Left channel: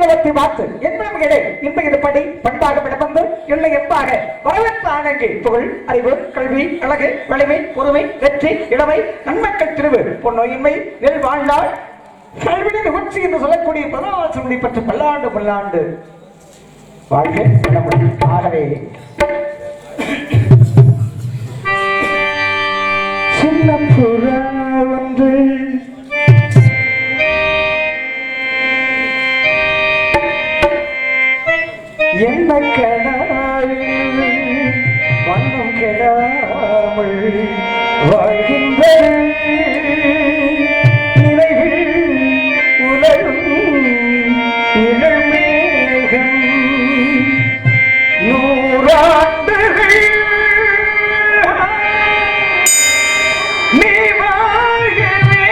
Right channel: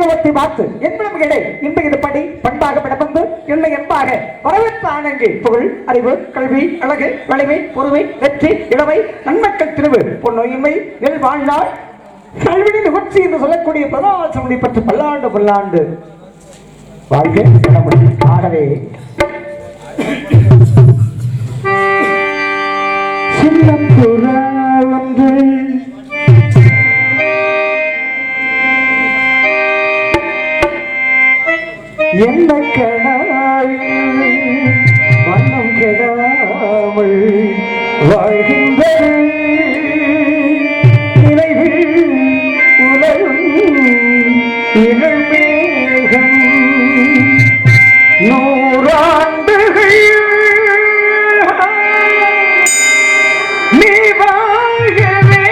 ஆங்கிலத்தை பார்த்து என்பனே இன்று இது படி பண்பாக விடப்பந்து இல்லை என்பாக வரவேற்ற ஆனங்கே புகழ் அறிவு கல்வி அழகு வலிமை பொறுமை வெற்றி இளமை நன்மக்கள் திருவு பொன்னோயின்மை நெல் வாழ்நாள் கல்வியின் நிகழ்ச்சி என்று சொல்லக்கூடிய பிரதாசனை பற்றி பல்லாண்டு பல்லாண்டு வாழ்க்கை. ஆகவே சின்ன புறா ஒன்று என்ன கடாயில் வண்ணம் கெடாமல் வாழ்கின்றது நினைவில் உலகும் இளமேகம் நூறாண்டுகள் நீ வாழ்கவே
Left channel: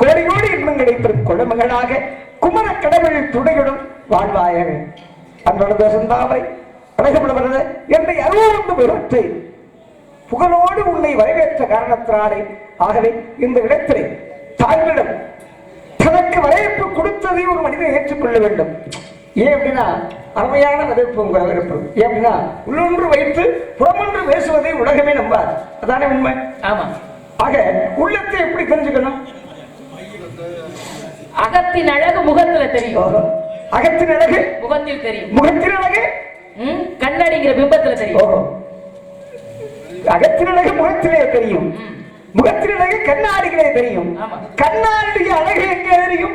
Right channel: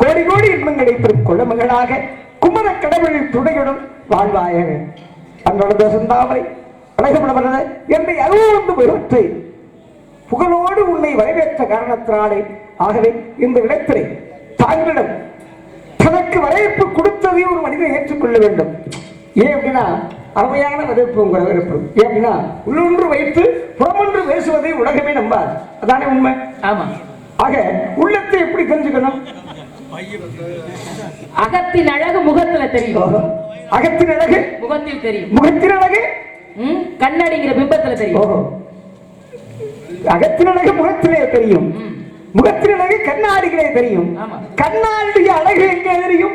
கோடி கோடி இன்பங்களை பெறும் குழந்தைகளாக குமர கடவுளின் துணையுடன் வாழ்வாயாக அன்றொரு சந்தாவை அழைக்கப்படவரது என்னை அருவந்து பெருத்தை புகழோடு உன்னை வரவேற்ற காரணத்தினாலே ஆகவே இந்த இடத்திலே தாங்களிடம் தனக்கு வரவேற்பு கொடுத்ததை ஒரு மனிதன் ஏற்றுக்கொள்ள வேண்டும். ஏன் அப்படின்னா அருமையான வரவேற்பு உங்க வரவேற்பு. ஏன் அப்படின்னா உள்ளொன்று வைத்து புறமொன்று பேசுவதை உலகமே நம்பாது. அதானே உண்மை. ஆமா. ஆக உள்ளத்தை எப்படி தெரிஞ்சுக்கணும்? அகத்தின் அழகு முகத்துல தெரியும். அகத்தின் அழகு முகத்தில் தெரியும். முகத்தின் அழகு கண்ணடிங்கிற பிம்பத்துல தெரியும். அகத்தின் அழகு முகத்திலே தெரியும், முகத்தின் அழகு கண்ணாடிகளே தெரியும். கண்ணாடிய அழகு எங்கே தெரியும்?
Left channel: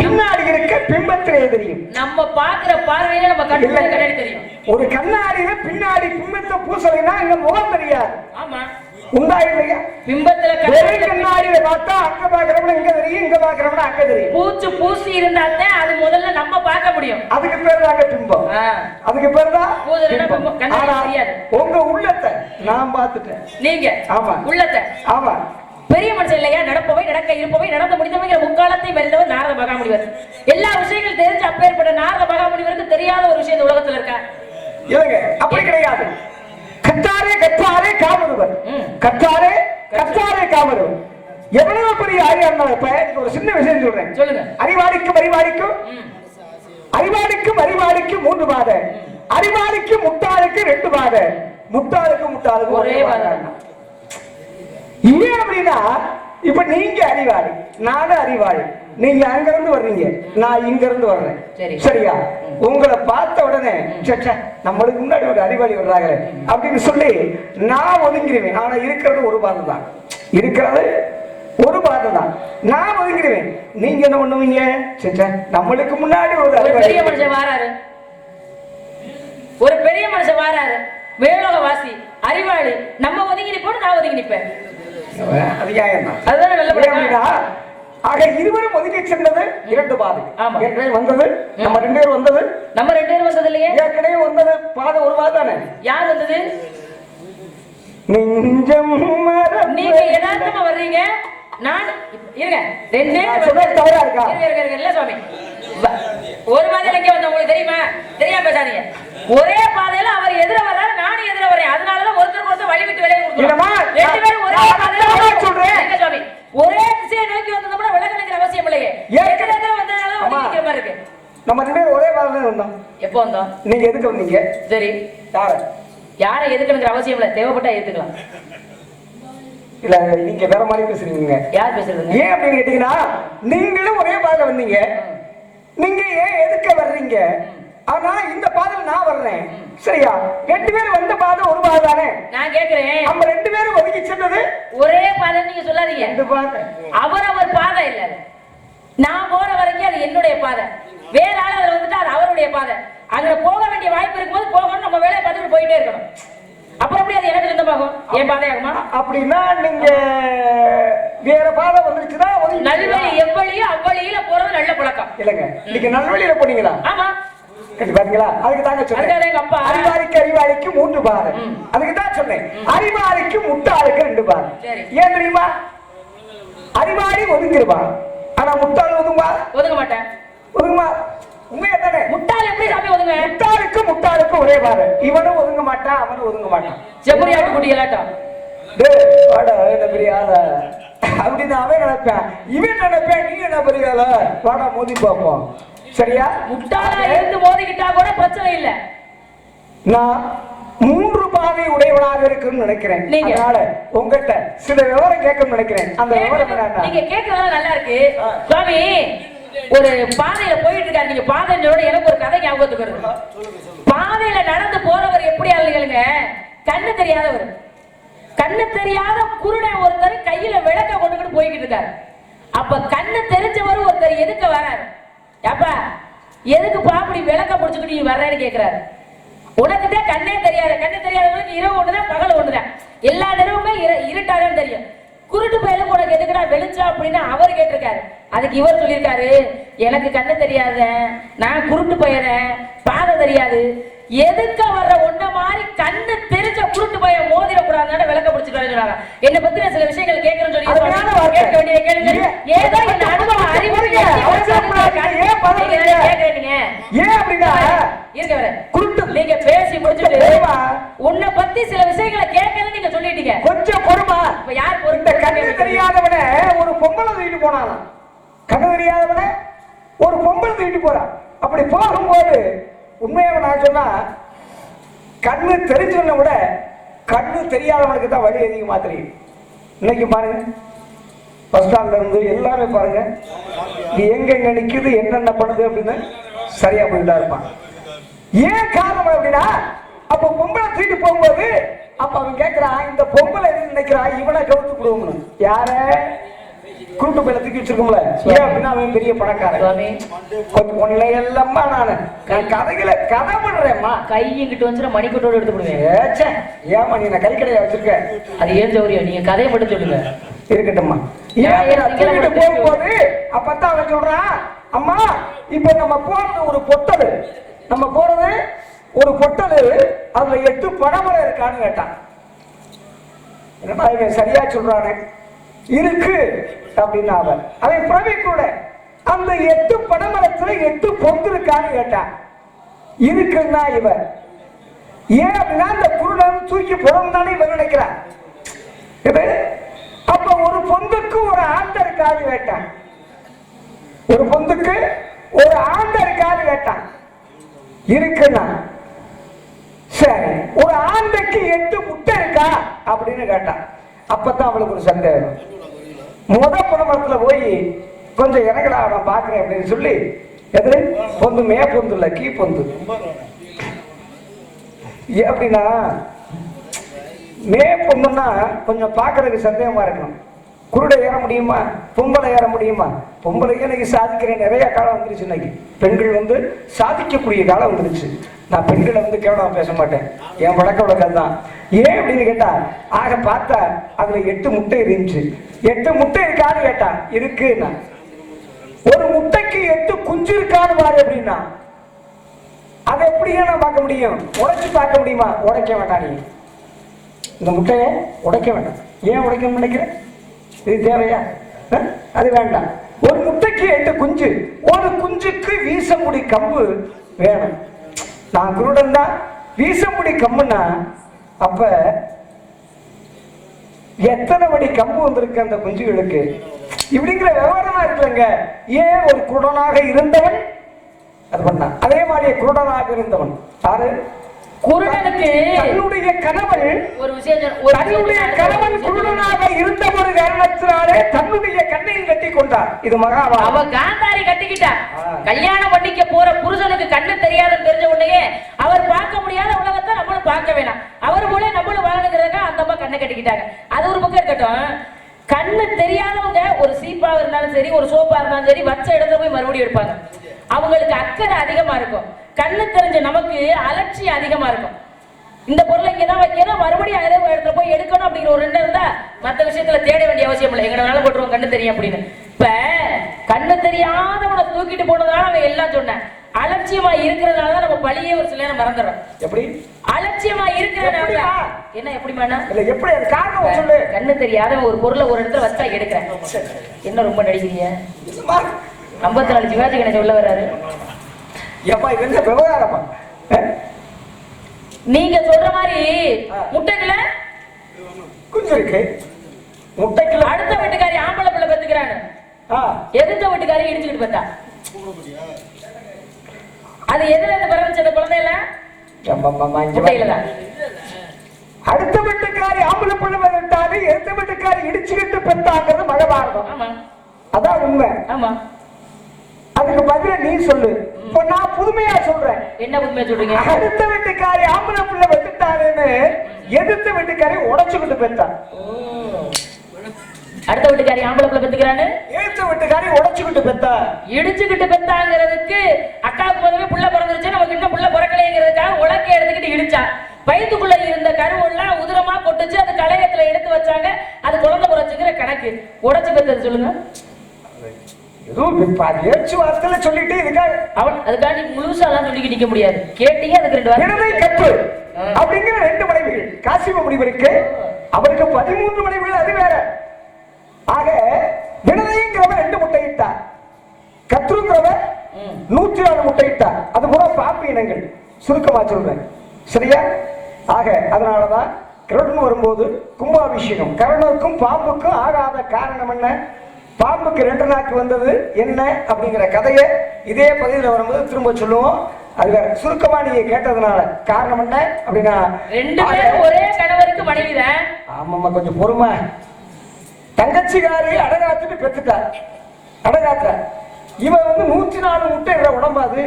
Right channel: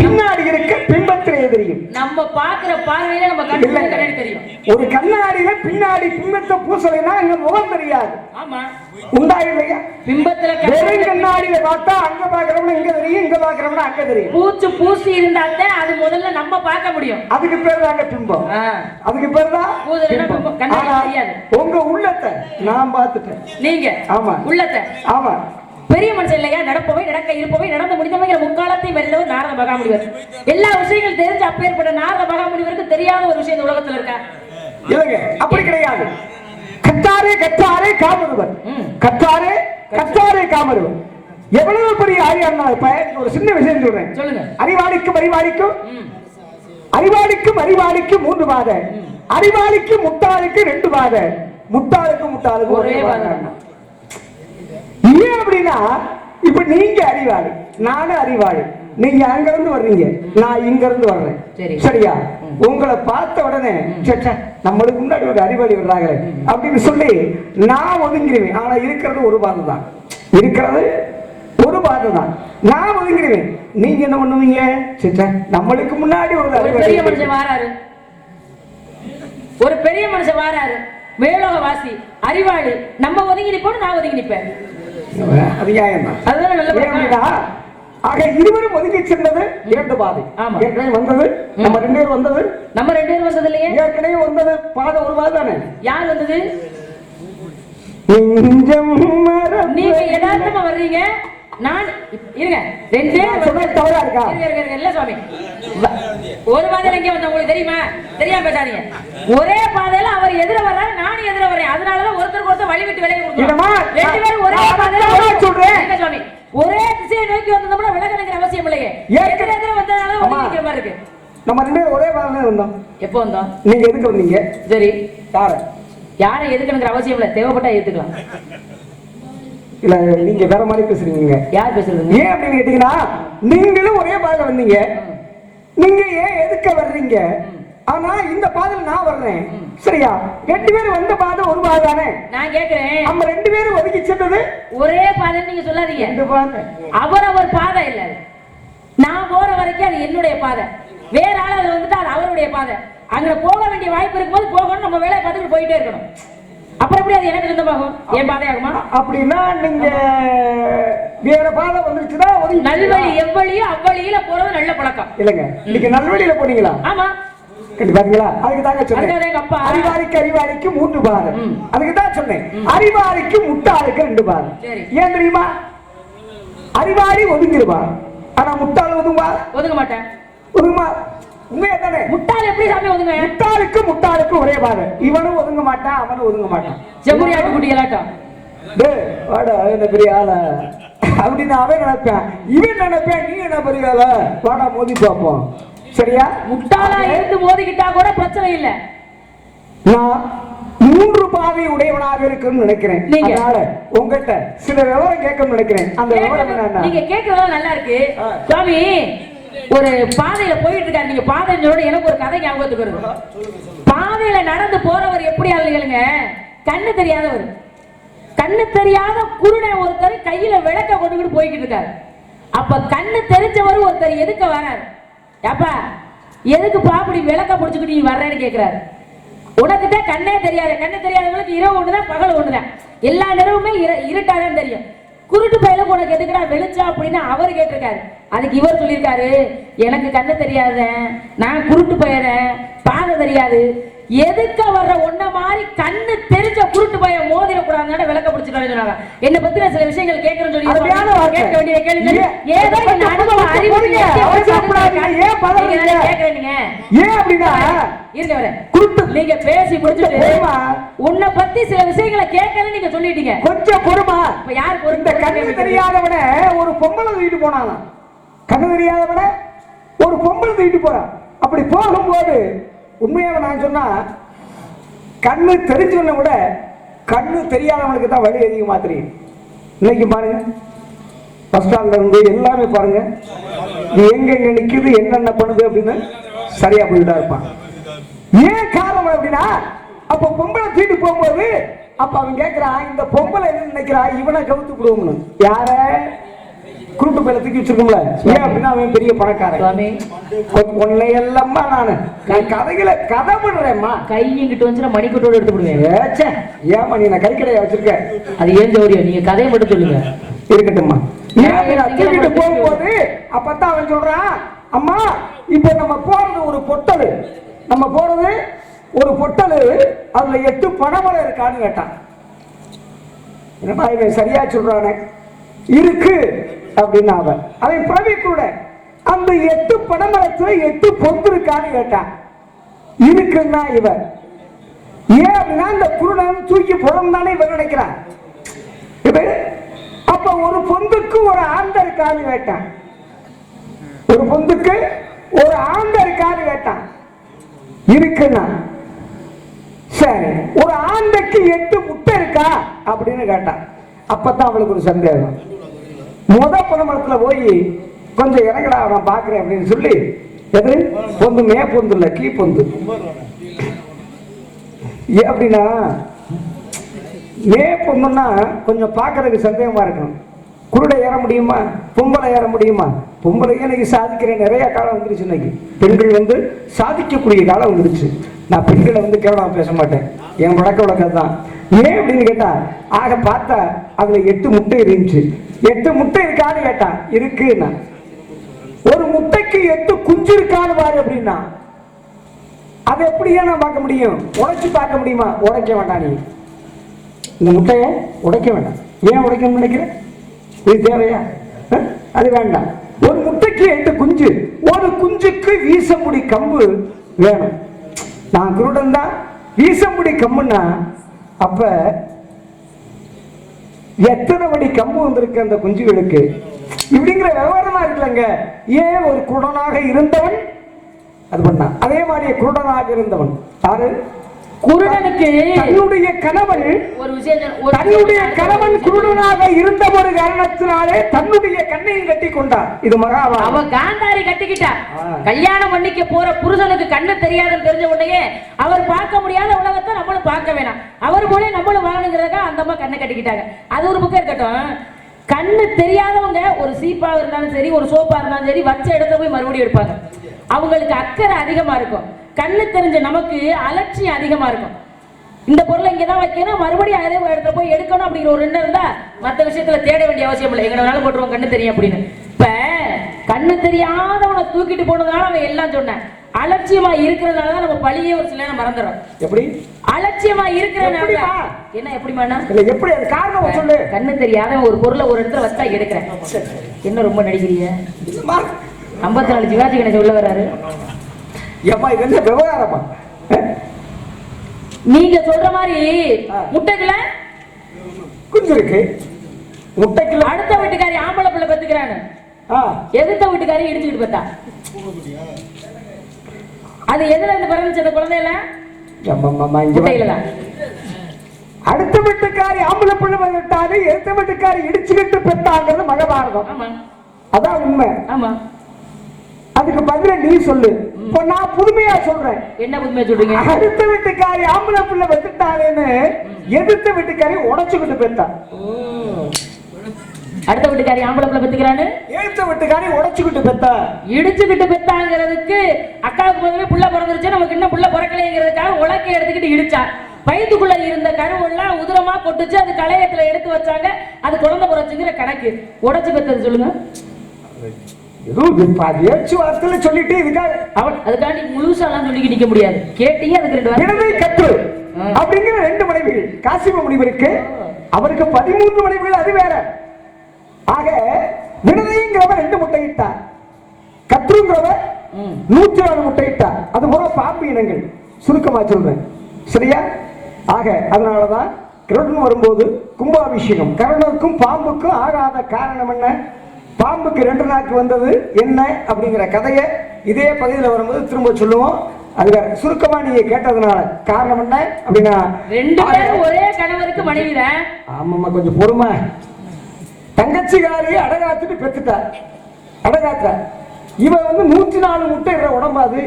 பின்னாடி இருக்க பிம்பத்திலே தெரியும். நம்ம பாக்குற பார்வையில நம்ம கண்ணாடி தெரியும். ஒரு கண்ணாடியில பின்னாடி பிம்பத்தை பூசலைன்னா இங்க முகம் தெரியாது. ஆமா, உண்டா இல்லையா? பிம்பத்துல கண்ணாடியில பார்த்தா அங்க பாக்குறவன இங்க தெரியும், இங்க பாக்குறவன அங்க தெரியும். பூசி இருந்தாதான் அது முதல்ல நம்ம பார்க்க முடியும். அதுக்கு பேர் தாங்க பிம்பம். அதுக்கு பேர் தான் தெரியாது. உங்க உள்ளத்தை நான் பார்த்துட்டேன். நீங்க ஆமா உள்ளத்தை. ஆமா, பெரிய மனுஷன் இல்லையா? நடப்பவை நடக்க இருப்பவை நடந்து முடிந்தவைங்கிற முக்காலத்தை வெல்லவர் நாரத மகாமுனிவர். எல்லா விஷயங்களும் தெரிஞ்சு அப்பேற்பட்ட நாரத மகாமுனிவருக்கு தெரியாத ஒரு விஷயம் இந்த உலகத்துல இருக்கா? இல்லங்க, அப்படி கிடையாது. கத்தாரே கத்தாரே காமருவர், கத்தாரே கத்தாரே காமருவர். எவ்வளவு பெரிய ஆரியார் ஒரு சின்ன விஷயம் சொல்றேன். சொல்லுங்க. அறிவாளிக்கும் அறிவாளிக்கும் அறிவாளிக்கும் அறிவாளிக்கும் 3 பாதை, அறிவாளிக்கு முட்டாளுக்கு 2 பாதை, முட்டாளுக்கு முட்டாளுக்கு ஒரே பாதை. ஏன் அப்படின்னா, இப்ப நீங்க அறிவாளி, நானும் அறிவாளி. நீங்க அங்க இருந்து வர்றீங்க, நான் இங்க இருந்து வர்றேன். சரியா? உங்களை பார்த்த உடனே நம்மளுக்கு முன்னாடி ஒரு அறிவாளி வர்றாங்க அப்படின்னு சொல்லி நான் ஒதுங்கிடுவேன். ஆனா இருக்கிறது ஒரு பாதை தான், இருக்கிறது ஒரு பாதை தான். நான் ஒதுங்கிடுவேன். நீங்க என்ன பண்ணுவீங்க? நம்மளுக்கு முன்னாடி ஒரு பெரிய மனுஷன் வாராரு, ஒரு பெரிய மனுஷன் வாராரு, மேலோக வாசி அறிவாளி. நம்ம ஒதுங்கி நிப்போம், நான் ஒதுங்கி நிப்பேன். அது அதுதான். ஆக இருவரும் ஒதுக்கி சென்றது 2 பாதை. ஏற்கனவே வந்தது நம்ம 2 பேரும் வந்தது. நம்ம 2 பேரும் வந்தது இல்லையே? ஏற்கனவே வந்தது பாதை ஒரு பாதை தானே. யார் வந்தது? நீங்க யதார்த்தமா வர்றீங்க. நான் இருங்க, 2 பேரும் தவறா இருக்கா? இல்ல சுவாமி, ஒரு பாதையில எங்க வந்த உங்களுக்கு தெரியுமா? தெரியாம பேசாதீங்க. ஒரே பாதையில அவர் எதிர வர்றாரு, நானும் எதிர வரேன். அதனாலதான் ஒருத்தருக்கு ஒருத்தர் வழி விட்டு விலகி கொடுக்கணும். 2 பேரும் ஒரே பாதையில சொல்றேன் சுவாமி. ஒரே திசையை நோக்கி வந்தோம்னா விலக நினைக்கிற அவசியம் இல்லையே. ஏற்கனவே வந்ததால ஒதுங்கிக்கிற மாதிரி இருக்கு. நம்ம 2 பேரும் ஒரே பாதையில வந்தோம். எப்போ வந்தோம்? நீங்க எதுக்கு வந்தீங்க? சரி, யாரை எதுக்குங்கிற அவசியம் இல்ல, தேவைப்பட்டா ஏத்துக்கலாம். இல்ல, நீங்க வேற மாதிரி பேசுறீங்க. யார் பேசுறது? ஏன் அப்படின்னு கேட்டீங்கன்னா, நீங்களும் ஒரே பாதை வந்தீங்க. நீங்க ஏன் எதுக்க வர்றீங்க? ஆனா இந்த பாதையில் நான் வர்றேன். சரியா? 2 பேரும் வந்த பாதை ஒரு பாதை தானே. நான் கேக்குறேன், நம்ம 2 பேரும் ஒதுக்கி சென்றது ஒரே பாதை. நீங்க சொல்லாதீங்க 2 பாதை. அவர் பாதை இல்ல. நான் போற வரைக்கும் அது என்னுடைய பாதை. வேற ஆள் அதுல வந்துட்டு அது அவருடைய பாதை. அங்க போக வேண்டிய வாய்ப்பு இருக்கும்போது போகணும், நம்ம வேலையை பார்த்துட்டு போயிட்டே இருக்கணும். அப்புறம் எப்படி அது எனக்கு சொந்தமாகும்? என் பாதை ஆகுமா? அப்படின்னா நீங்க வேற பாதை வந்துச்சுன்னா நல்வழி எவ்வளியோ அவ்வளியில போறது நல்ல பழக்கம் இல்லங்க. நீங்க நல்வழியில போனீங்களா? ஆமா. பாத்தீங்களா? அதுக்கு தாங்க சொன்னேன். அறிவாளிக்கு அறிவாளிக்கு 3 பாதை. அதுக்கு தான் சொன்னேன். அறிவாளிக்கு முட்டாளுக்கு 2 பாதை. ஏன் தெரியுமா? அறிவாளி ஒதுங்கிடுவா, ஆனா முட்டாள் ஒதுங்க மாட்டேன். ஒதுங்குமா? உண்மையா தானே? முட்டாள் எப்படி சாமி ஒதுங்க? முட்டாளுக்கு முட்டாளுக்கு ஒரே பாதை. இவனும் ஒதுங்க மாட்டான், அவனும் ஒதுங்க மாட்டான். செம்மறி ஆட்டு குட்டிகளாட்டம். டேய் வாடா, என்ன பெரிய ஆளா அப்படின்னு அவன் நினைப்பேன். இவன் நினைப்பேன், நீ என்ன பெரிய ஆளா, வாடா மோதி பார்ப்போம். சரியா? முட்டாளா இருந்து மோதிக்கிட்டா கூட பிரச்சனை இல்ல. நான் 3 பாதை உடையவனாக இருக்குன்னு நினைக்கிறேன். அதனால உங்ககிட்ட சில விவரம் கேட்கணும்னு நினைக்கிறேன். அந்த விவரம் என்ன? நீங்க கேட்கறதெல்லாம் நல்லா இருக்கு சுவாமி. ஒரு பாதையில போயிட்டு இருக்காரு. நீங்க பாதையோட எனக்கு ஒரு கதை ஞாபகத்துக்கு வருது. பாதையில நடந்து போறவர் எப்படி ஆளுங்க? கண்ணு தெரியாதவர், கண்ணு தெரியாத குருடை ஒருத்தர் கையில விளக்க கொண்டுகிட்டு போய்கிட்டு இருக்காரு. அப்ப கண்ணு தெரிஞ்சவர் ஒருத்தர் எதுக்கு வராரு? அப்பா எதுக்குப்பா அப்படி விளக்க பிடிச்சுக்கிட்டு நீ வர்றேன்னு கேட்கிறாரு. உனக்கிட்ட கண்ணே தெரியாது. கண்ணு தெரியாதவங்களுக்கு இரவு ஒண்ணுதான், பகல் ஒண்ணுதான். எல்லா நேரமுமே இருட்டாதான் தெரியும். குருட்டு பயலுக்கு உனக்கு எதுக்குடா வெளிச்சம் அப்படின்னு அவர் கேட்டிருக்காரு. அதுக்கு இவர் சொல்லியிருக்காரு, எனக்கு கண்ணு தெரியாத, நான் குருட்டு பையன், பாதை தெரியாது. எதுக்க வர்ற ஒன்ன மாதிரி கண்ணு தெரிஞ்ச குருட்டு பையன் மோதிரக்கூடாது விளக்க பிடிச்சிருக்காரு சொன்னாங்க. என்னை பத்தி சில விஷயங்கள் கேட்கறேன்னு சொல்லி கேட்க வேண்டிய கேளுங்க. ஏதோ என் அனுபவ அறிவு நீங்க பேசி முடிச்சுட்டு உன்னை பத்தி சில விஷயங்களை கேட்கணும் நீங்க சொல்லிட்டீங்க. கொஞ்சம் பொறுமா. இப்ப யாருக்கு இந்த கண்ணு தெரியாதவன ஒரு பொம்பளை தூக்கிட்டு போனாங்க. கண்ணு தெரியாதவன ஒரு பொம்பளை தூக்கிட்டு போறான். அப்படி போகும்போது உண்மையாக நான் சொன்னா, கண்ணு தெரிஞ்சவனை விட கண்ணு தெரியாதவனுக்கு தான் வழி அதிகமா தெரியும். இன்னைக்கு பாருங்க, பஸ் ஸ்டாண்ட்ல இருந்து எல்லாமே பாருங்க, நீ எங்க நிக்குது என்னென்ன பண்ணுது அப்படின்னு சரியா போயிட்டா இருப்பான். ஏன் காரணம் அப்படின்னா, அப்ப பொம்பளை தூக்கிட்டு போகும்போது அப்ப அவன் கேட்கிறான், இந்த பொம்பளை என்ன நினைக்கிறா, இவனை கவுத்து விடுவோம்னு. யார குருட்டு பையில தூக்கி வச்சிருக்கோம்ல, ஏன் அப்படின்னா அவன் பெரிய பணக்காரன். உன்னை எல்லாம்மா நான் கதைகளை கதை பண்றேம்மா. கை இங்கிட்டு வந்து மணிக்கூட்டோட எடுத்து விடுவேன். ஏமா நீ நான் கை கடையா வச்சிருக்கேன், அது ஏன் சௌரியம், நீங்க கதையை மட்டும் சொல்லுங்க. இருக்கட்டும்மா. தூக்கிட்டு போகும்போது அப்பதான் அவன் சொல்றான், அம்மா இப்ப நம்ம போறது ஒரு பொட்டல், நம்ம போறது ஒரு பொட்டல், அதுல 8 பனைமரம் இருக்கான்னு கேட்டான். என்னடா இவன் சரியா சொல்றானே, இருக்கு அப்படின்னு அவன் பிரவி கூட அந்த 8 பனைமரத்துல 8 பொந்து இருக்கான்னு கேட்டான். இருக்குன்னா இவன் ஏன் அப்படின்னா இந்த குருடன் தூக்கி போறோம் தானே இவன் நினைக்கிறான். அப்ப ஒரு பொந்துக்கு ஒரு ஆண்ட இருக்கான்னு கேட்டான். ஒரு பொந்துக்கு ஒரு ஆண்ட இருக்கான்னு கேட்டான். இருக்குன்னா சரி, ஒரு ஆண்டைக்கு 8 முட்டை இருக்கா அப்படின்னு கேட்டான். அப்பதான் அவளுக்கு ஒரு சந்தேகம். பணமரத்துல போய் கொஞ்சம் இறங்கடா நான் பாக்குறேன் அப்படின்னு சொல்லி, எது பொந்து, மே பொந்து இல்ல கீ பொந்து. அப்படின்னா மே பொண்ணுன்னா கொஞ்சம் பார்க்கறதுக்கு சந்தேகமா இருக்கணும். குருடை ஏற முடியுமா, பொம்பளை ஏற முடியுமா? பொம்பளைக்கு இன்னைக்கு சாதிக்கிற நிறைய காலம் வந்துருச்சு. இன்னைக்கு பெண்கள் சாதிக்கக்கூடிய காலம் வந்துருச்சு. நான் பெண்களை கேவலம் பேச மாட்டேன், என் வழக்க வழக்கம் தான். ஏன் அப்படின்னு கேட்டா, ஆக பார்த்தா அதுல 8 முட்டை இருந்துச்சு. 8 முட்டை இருக்கான்னு கேட்டா, இருக்குன்னா. ஒரு முட்டைக்கு 8 குஞ்சு இருக்கான்னு பாரு அப்படின்னா, அதை எப்படியே நான் பார்க்க முடியும்? உடைச்சு பார்க்க முடியுமா? உடைக்க வேண்டாம். நீ இந்த முட்டையை உடைக்க வேண்டாம். ஏன் உடைக்கணும்னு நினைக்கிறேன்? இது தேவையா? அது வேண்டாம். ஒரு முட்டைக்கு 8 குஞ்சு, ஒரு குஞ்சுக்கு வீசமுடி கம்பு வேணும். நான் குருடன் தான், வீசமுடி கம்புன்னா அப்ப எத்தனை மணி கம்பு வந்திருக்கு அந்த குஞ்சுகளுக்கு? இப்படிங்கிற விவரமா இருக்குல்லங்க. ஏன் ஒரு குருடனாக இருந்தவன் அது பண்ணா, அதே மாதிரி குருடனாக இருந்தவன் யாரு? குருடனுக்கு தன்னுடைய கணவன் ஒரு விஷயம், தன்னுடைய கணவன் குருடனாக இருந்த ஒரு காரணத்தினாலே தன்னுடைய கண்ணையும் கட்டி கொண்டார். இது மகாபாரதம். அவ காந்தாரி கட்டிக்கிட்டா. கல்யாணம் பண்ணிக்க போற புருஷனுக்கு கண்ணு தெரியாதுன்னு தெரிஞ்ச உடனே அவர் பார்க்க முடியாத உலகத்தை நம்மளும் பார்க்க வேணாம், அவர் போல நம்மளும் வாழணுங்கிறதுக்காக அந்த அம்மா கண்ணை கட்டிக்கிட்டாங்க. அது ஒரு பக்கம் இருக்கட்டும். கண்ணு தெரியாதவங்க ஒரு சீப்பா இருந்தாலும் சரி, ஒரு சோப்பா இருந்தாலும் சரி, வச்ச இடத்துல போய் மறுபடியும் எடுப்பாங்க. அவங்களுக்கு அக்கறை அதிகமா இருக்கும். கண்ணு தெரிஞ்ச நமக்கு அலட்சியம் அதிகமா இருக்கும். இந்த பொருளை இங்கதான் வைக்கணும், மறுபடியும் அதே இடத்துல போய் எடுக்கணும் அப்படிங்கிற ஒரு எண்ணம் இருந்தா மற்ற விஷயத்துல தேட வேண்டிய அவசியம் இல்லை. எங்க வேணாலும் போட்டுருவோம் கண்ணு தெரியும் அப்படின்னு. இப்ப கண்ணு தெரியாதவனை தூக்கிட்டு போனதால அவன் எல்லாம் சொன்னேன். அலட்சியமா இருக்கிறதுனாலதான் நம்ம பழியே ஒரு சில நேரம் மறந்துடும். எப்படி அலட்சியமா இருக்கிறதுனால என்ன எப்படிமா எப்படி அது காரணம் சொல்லு. கண்ணு தெரியாத ஒரு பொருளை ஒரு இடத்துல வச்சா எடுக்கிறேன். என்ன ரொம்ப நடிக்கிறீங்க? 54 சிவாஜி கணேசன் உள்ள வர்றாரு. விவகாரமா நீங்க சொல்ற மாதிரி முட்டைக்குள்ள குஞ்சு இருக்கு. முட்டைக்குள்ள அடுத்த வீட்டுக்காரி ஆம்பளை பிள்ளை பெத்துக்கிறான்னு எதிர்த்த வீட்டுக்காரி இடிச்சுக்கிட்டு பார்த்தா, அது எதுல இருந்து பிறந்துச்சு அந்த குழந்தையில? முட்டையிலதான். அடுத்த வீட்டுக்காரி ஆம்பளை பிள்ளை பெற்றாரு, எதிர்த்த வீட்டுக்காரி இடிச்சுக்கிட்டு பெற்றாங்கிறது மகாபாரதம். ஆமா, அதான் உண்மை. ஆமா, அதுக்கு பதிலா நீ சொல்லு. இப்ப நான் புதுமையா சொல்றேன். என்ன புதுமையா சொல்றீங்க? அடுத்த வீட்டுக்காரி ஆம்பளை பிள்ளை பெற்றுட்டாருன்னு எதிர்த்த வீட்டுக்காரி உடைச்சுக்கிட்டு பெற்றா. அடுத்த வீட்டுக்காரி ஆம்பளை பிள்ளை பெற்றுக்கிறான்னு எதிர்த்த வீட்டுக்காரி உடைச்சுக்கிட்டு பெற்றா. இடிச்சுக்கிட்டு பெற்றாங்கிறதுக்கு அக்காவுக்கு முதல்ல புள்ள பிறந்துருச்சு, நமக்கு இன்னும் புள்ள பிறக்கலைங்கிறதுக்காக உலக்கை எடுத்துக்கிட்டு இடிச்சா. வயிற்றுக்குள்ள இருந்த கருவெல்லாம் உதிரமா கொட்டுச்சு, அது களையத்துல எடுத்து வச்சாங்க, அது குழந்தை பிறச்சுங்கிற கணக்கு. உடைச்சு பெற்றது சொல்லுங்க. பேச்சுவார்த்தையில சொல்லிட்டு அதுக்காண்டி முழுசாலாம் சொல்லிக்க நிக்க முடியாது. கேட்டீங்க அதுக்கு 2 கற்று அப்படிங்கிற 2 மனைவிகள் காசிம முனிவருக்கு. அவருக்கு 13 மனைவிகள், அது வேற. ஆக வினதைங்கிறவர் 2 முட்டையிட்டார், கற்றுங்கிறவர் 104 முட்டையிட்டார். அது போல பாம்பு இனங்கள் சுருக்கமா சொல்றேன், சரியா? ஆக அதனாலதான் கருடன் வரும்போது கும்பாபிஷேகம். கருடனுக்கும் பாம்புக்கும் ஆகாத காரணம் என்ன? பாம்புக்கு 2 நாக்கு வந்தது என்ன அப்படிங்கிற கதையை இதே பகுதியில் வரும்போது திரும்ப சொல்லுவோம். அது வேற. சுருக்கமா நீங்க கேட்டதுனால காரணம் என்ன அப்படின்னா, 2 பேரும் ஒரே கணவருக்கு மனைவிதான். ஆமாமா, கொஞ்சம் பொறுமை. தங்கச்சிகாரி அடகாத்துட்டு பெத்துட்டார். அடகாத்த இவ 104 முட்டை உடம்பாது.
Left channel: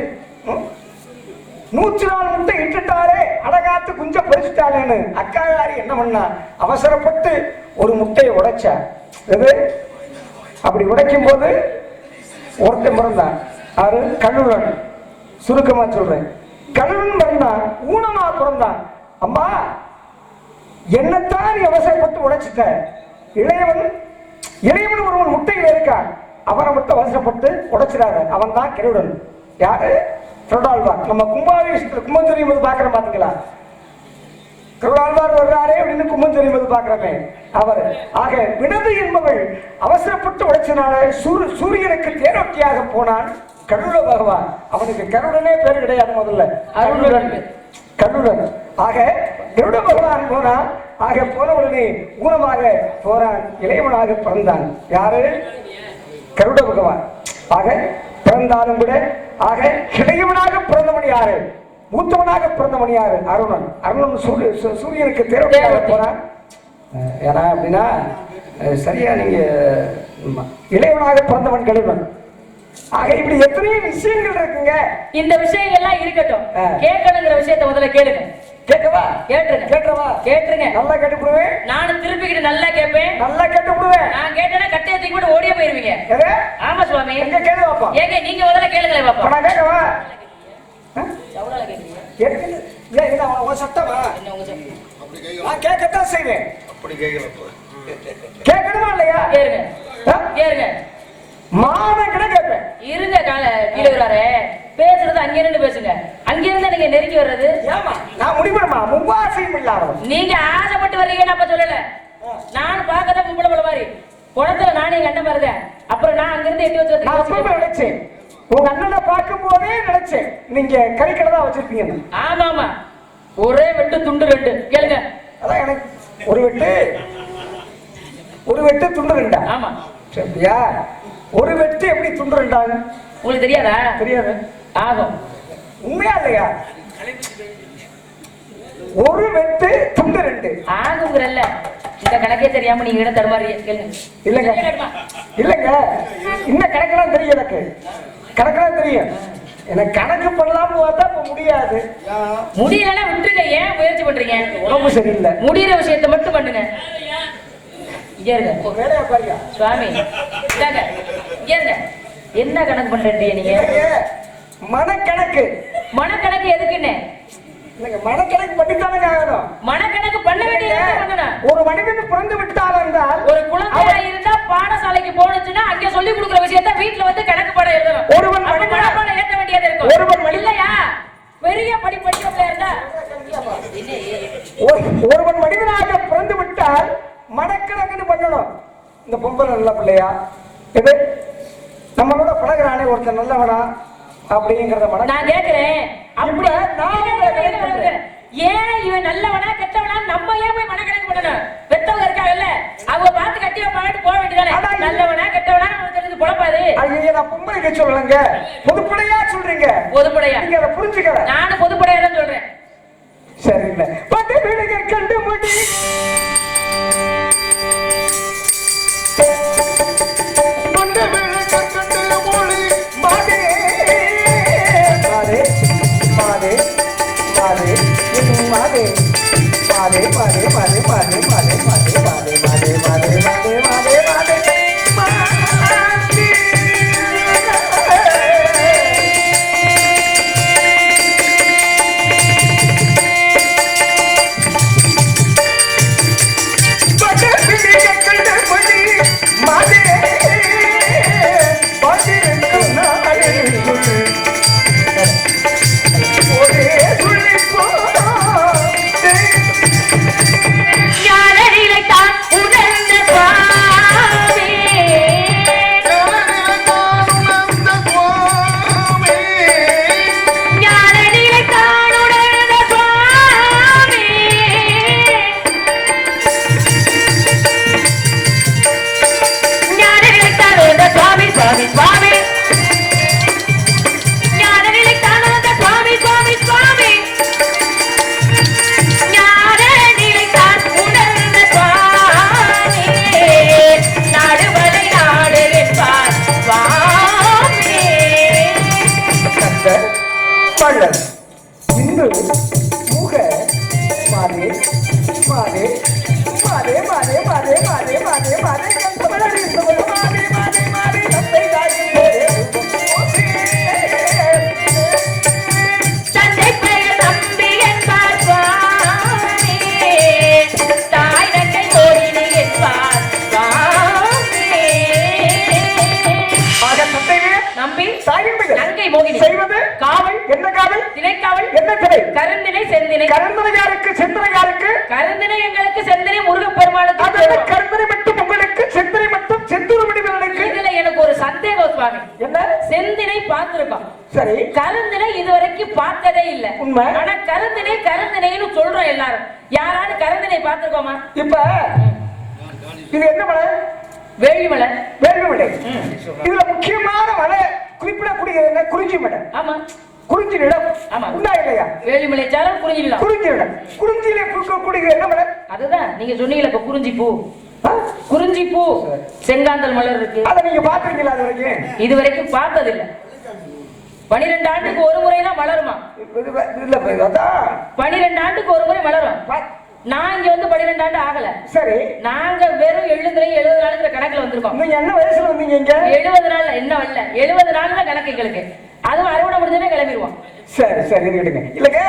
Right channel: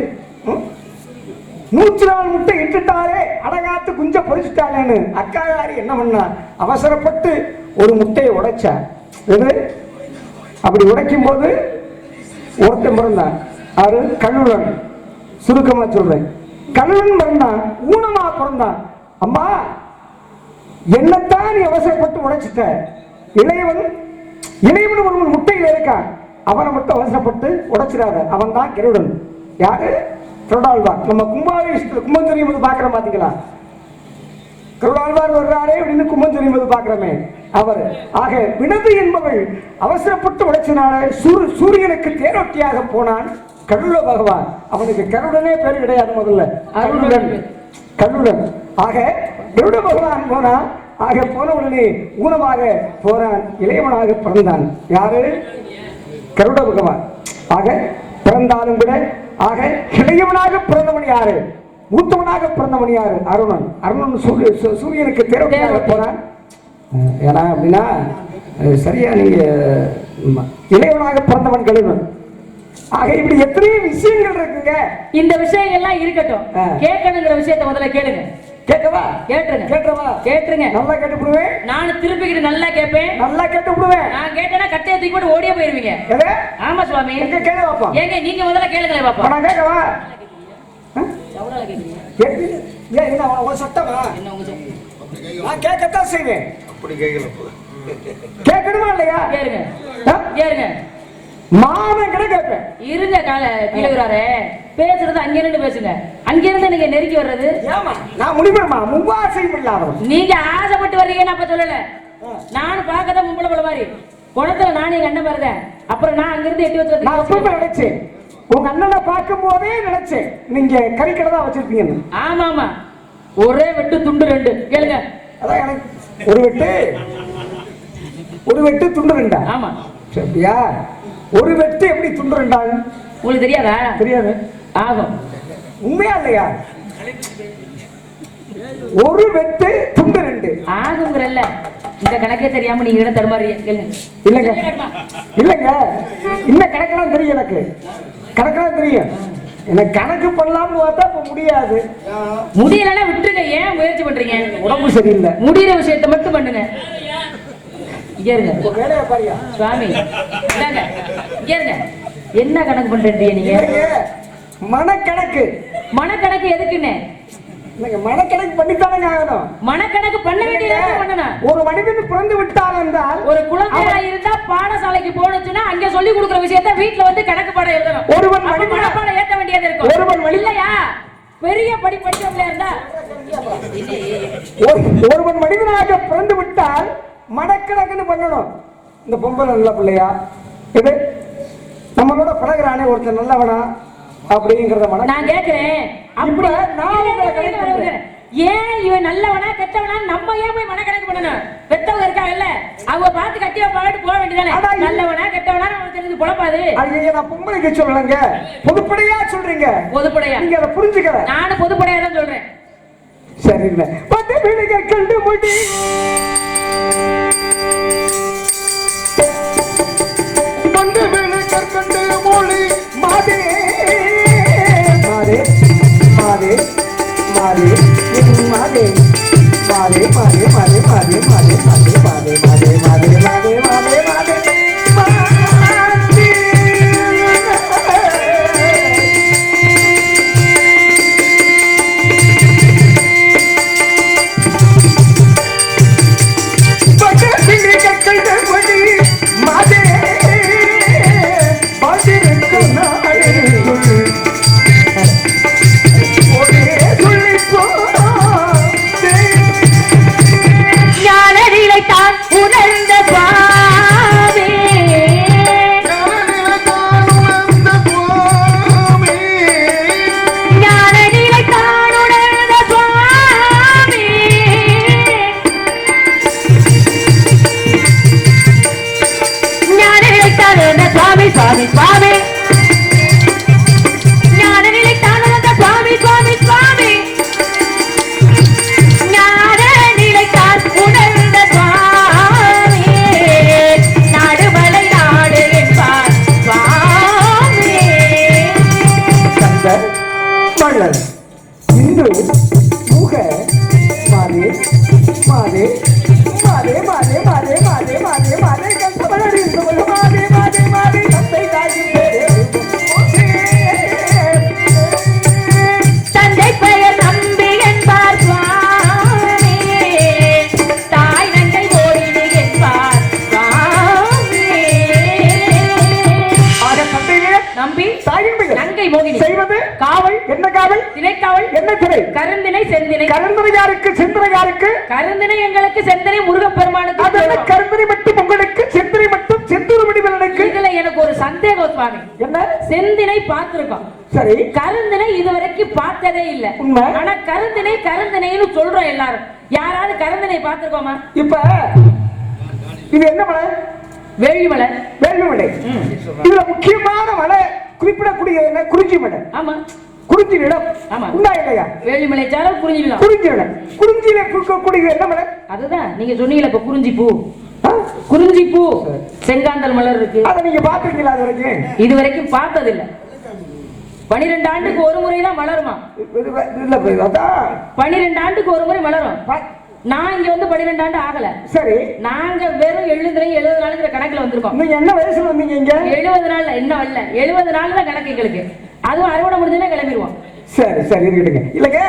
104 முட்டை இட்டுட்டாலே அடகாத்து குஞ்ச பறிச்சுட்டாளேன்னு அக்காயாரி என்ன பண்ணா, அவசரப்பட்டு ஒரு முட்டையை உடைச்சா. அப்படி உடைக்கும் போது ஒருத்தன் பிறந்தான். அது கல்லுடன். சுருக்கமா சொல்றேன், கல்லுடன் பிறந்தான், ஊனமா பிறந்தான். அம்மா என்னத்தான் நீ அவசரப்பட்டு உடைச்சிட்ட, இளையவன் ஒருவன் முட்டையில் இருக்கான், அவனை மட்டும் அவசரப்பட்டு உடைச்சிடாரு. அவன் தான் கருடன். யாரு? கருடாழ்வார். நம்ம கும்பாபிஷேகத்தில் கும்பம் தெரியும் போது பாக்குறோம், பாத்தீங்களா? கருடாழ்வார் வர்றாரே அப்படின்னு கும்பம் தெரியும் போது பாக்குறோமே அவர். ஆக வினது என்பவள் அவசரப்பட்டு உடைச்சினால சூரியனுக்கு தேரோட்டியாக போனான் கருட பகவான். அவனுக்கு கருடனே பேர் கிடையாது, முதல்ல அருளுடன் கருடன். ஆக கருட பகவான் போனா, ஆக போன உடனே ஊனமாக போறான், இளையவனாக பிறந்தான். யாரு? கருட பகவான். ஆக பிறந்தாலும் கூட, ஆக இளையவனாக பிறந்தவன் யாரு? மூத்தவனாக பிறந்தவன் யாரு? அருணன். அருணன் சூரியனுக்கு தேரோட்டியாக போறான். ஏன்னா அப்படின்னா சரியா, நீங்க இளையவனாக பிறந்தவன் கலிவன். ஆக இப்படி எத்தனையோ விஷயங்கள் இருக்குங்க. இந்த விஷயங்கள்லாம் இருக்கட்டும், கேட்கணுங்கிற விஷயத்தை முதல்ல கேளுங்க. கேட்கவா? கேட்டுருங்க. கேட்டுறவா? கேட்டுருங்க. நல்லா கேட்டுப்படுவேன். நானும் திருப்பிக்கிட்டு நல்லா கேட்பேன். நல்லா கேட்டுப்படுவேன். நான் கேட்டேன்னா கட்டையை தூக்கி போட்டு ஓடியே போயிருவீங்க. ஆமா சுவாமி. கேளு பாப்பா. ஏங்க நீங்க முதல்ல கேளுங்களே பாப்பா. நான் கேட்கவா? எவ்வளவு கேக்குறீங்க? இல்ல என்ன உங்க சட்டமா? என்ன உங்க சட்டம்? நான் கேட்கத்தான் செய்வேன். அப்படி கேட்கல. கேட்கணுமா இல்லையா? கேளுங்க. கேளுங்க. மானங்கட கேட்பேன். இருங்க கால கீழே பேசுறது அங்க இருந்து பேசுங்க. அங்க இருந்து நீங்க நெருக்கி வர்றது. ஆமா நான் முடிப்பேமா. முவாசையும் இல்லாதவன். நீங்க ஆசைப்பட்டு வர்றீங்கன்னு அப்ப சொல்லல. நான் பார்க்கதான் மும்பள போல மாதிரி குணத்துல நானே கண்ட பாருங்க. அப்புறம் நான் அங்க இருந்து எட்டி வச்சு நான் அப்பவே நினைச்சேன், உங்க அண்ணனை பார்க்கும் போதே நினைச்சேன் நீங்க கறிக்கடை தான் வச்சிருப்பீங்க. ஆமா ஆமா, ஒரே வெட்டு துண்டு ரெண்டு. கேளுங்க. அதான் எனக்கு ஒரு வெட்டு துண்டு ரெண்டா? ஆமா சரியா. ஒரு வெட்டு எப்படி துண்டு ரெண்டாகும் உங்களுக்கு தெரியாதா? தெரியாது. ஆகும். உண்மையா இல்லையா? ஒரு வெட்டு துண்டு ரெண்டு ஆகுங்கிறல்ல. இந்த கணக்கே தெரியாம நீங்க என்ன தருமாறீங்க? இல்லங்க இல்லங்க, இந்த கணக்கெல்லாம் தெரியும். எனக்கு கணக்கெல்லாம் தெரியும். எனக்கு கணக்கு பண்ணலாம்னு பார்த்தா இப்ப முடியாது. முடியலன்னா விட்டுருங்க. ஏன் முயற்சி பண்றீங்க? உடம்பு சரியில்லை. முடிகிற விஷயத்தை மட்டும் பண்ணுங்க. சுவாமி என்ன கணக்கு பண்றீங்க நீங்க? மனக்கணக்கு. மனக்கணக்கு எதுக்குன்னு? மனக்கணக்கு பண்ணித்தானே ஆகணும். மனக்கணக்கு பண்ண வேண்டியது. ஒரு மனிதன் பிறந்து விட்டால் என்றால், ஒரு குழந்தையா இருந்தா பாடசாலைக்கு போனுச்சுன்னா அங்க சொல்லி கொடுக்கிற விஷயத்த வீட்டுல வந்து கணக்கு பாடம் எழுதணும். ஒருவன் மனப்பாடம் ஏற்ற வேண்டியது இருக்கும். ஒருவன் இல்லையா பெரிய படிப்படிச்சவங்களா இருந்தா, ஒருவன் மனிதனாக பிறந்து விட்டால் மனக்கணக்குன்னு பண்ணணும். இந்த பொம்பளை நல்ல பிள்ளையா, இது நம்மளோட பழகிறானே ஒருத்தர் நல்லவனா அப்படிங்கறத நான் கேட்கிறேன். அப்படி ஏன் இவன் நல்லவனா கெட்டவனா நம்ம ஏன் போய் மனக்கணக்கு பண்ணணும்? பெத்தவங்க இருக்காங்கல்ல, அவங்க பார்த்து கட்டியா பாட்டு போக வேண்டியதானே. நல்லவனா கெட்டவனா நமக்கு தெரிஞ்சு குழப்பாது. நான் பொம்பளைக்கு சொல்லலங்க, பொதுப்படையா சொல்றீங்க. பொதுப்படையா நீங்க அதை புரிஞ்சுக்க. நானும் பொதுப்படையா தான் சொல்றேன். சரிங்க. பத்து வீடுக கண்டு முடி கருந்தினை. கருந்தினை யாருக்கு? செந்தினை யாருக்கு? கருந்தினை எங்களுக்கு, செந்தினை முருகப்பெருமானுக்கு. அதனால கருந்தினை மட்டும் உங்களுக்கு, செந்தினை மட்டும் செந்தூர்மணிவண்ணனுக்கு. இதுல எனக்கு ஒரு சந்தேகம் சுவாமி. என்ன? செந்தினை பார்த்திருக்கோம், சரி. கருந்தினை இதுவரைக்கும் பார்த்ததே இல்ல. உண்மை. ஆனா கருந்தினை கருந்தினைன்னு சொல்றோம் எல்லாரும். யாராவது கருந்தினை பார்த்திருக்கோமா? இப்ப இது என்ன மலை? வேள்விமலை. வேள்விமலை. இதுல முக்கியமான மலை குறிப்பிடக்கூடிய என்ன? குறிஞ்சி மலை. ஆமா, குறிஞ்சி நிலம். ஆமா, உண்டா இல்லையா? வேள்விமலை சாலம் குறிஞ்சி நிலம். குறிஞ்சி நிலம். குறிஞ்சியில பூக்கக்கூடிய என்ன மலை? அதுதான் நீங்க சொன்னீங்கல்ல இப்ப குறிஞ்சி பூ. குறிஞ்சி பூ, செங்காந்தல் மலர் இருக்கு. அதை நீங்க பாத்துருக்கீங்களா? அது வரைக்கும் இது வரைக்கும் பார்த்தது இல்ல. 12 ஆண்டுக்கு ஒரு முறை தான் மலருமா? இல்ல, அதான் 12 ஆண்டுக்கு ஒரு முறை மலரும். நான் இங்க வந்து 12 ஆண்டு ஆகல. சரி. நாங்க வெறும் 70 நாளுங்கிற கணக்குல வந்திருக்கோம். நீங்க என்ன வயசுல வந்தீங்க இங்க? 70 நாள் என்ன வரல, 70 நாள் தான் கணக்கு எங்களுக்கு. அதுவும் அறுவடை முடிஞ்சோன்னா கிளம்பிடுவோம். சரி சரி, இருக்கட்டுங்க. இல்லங்க,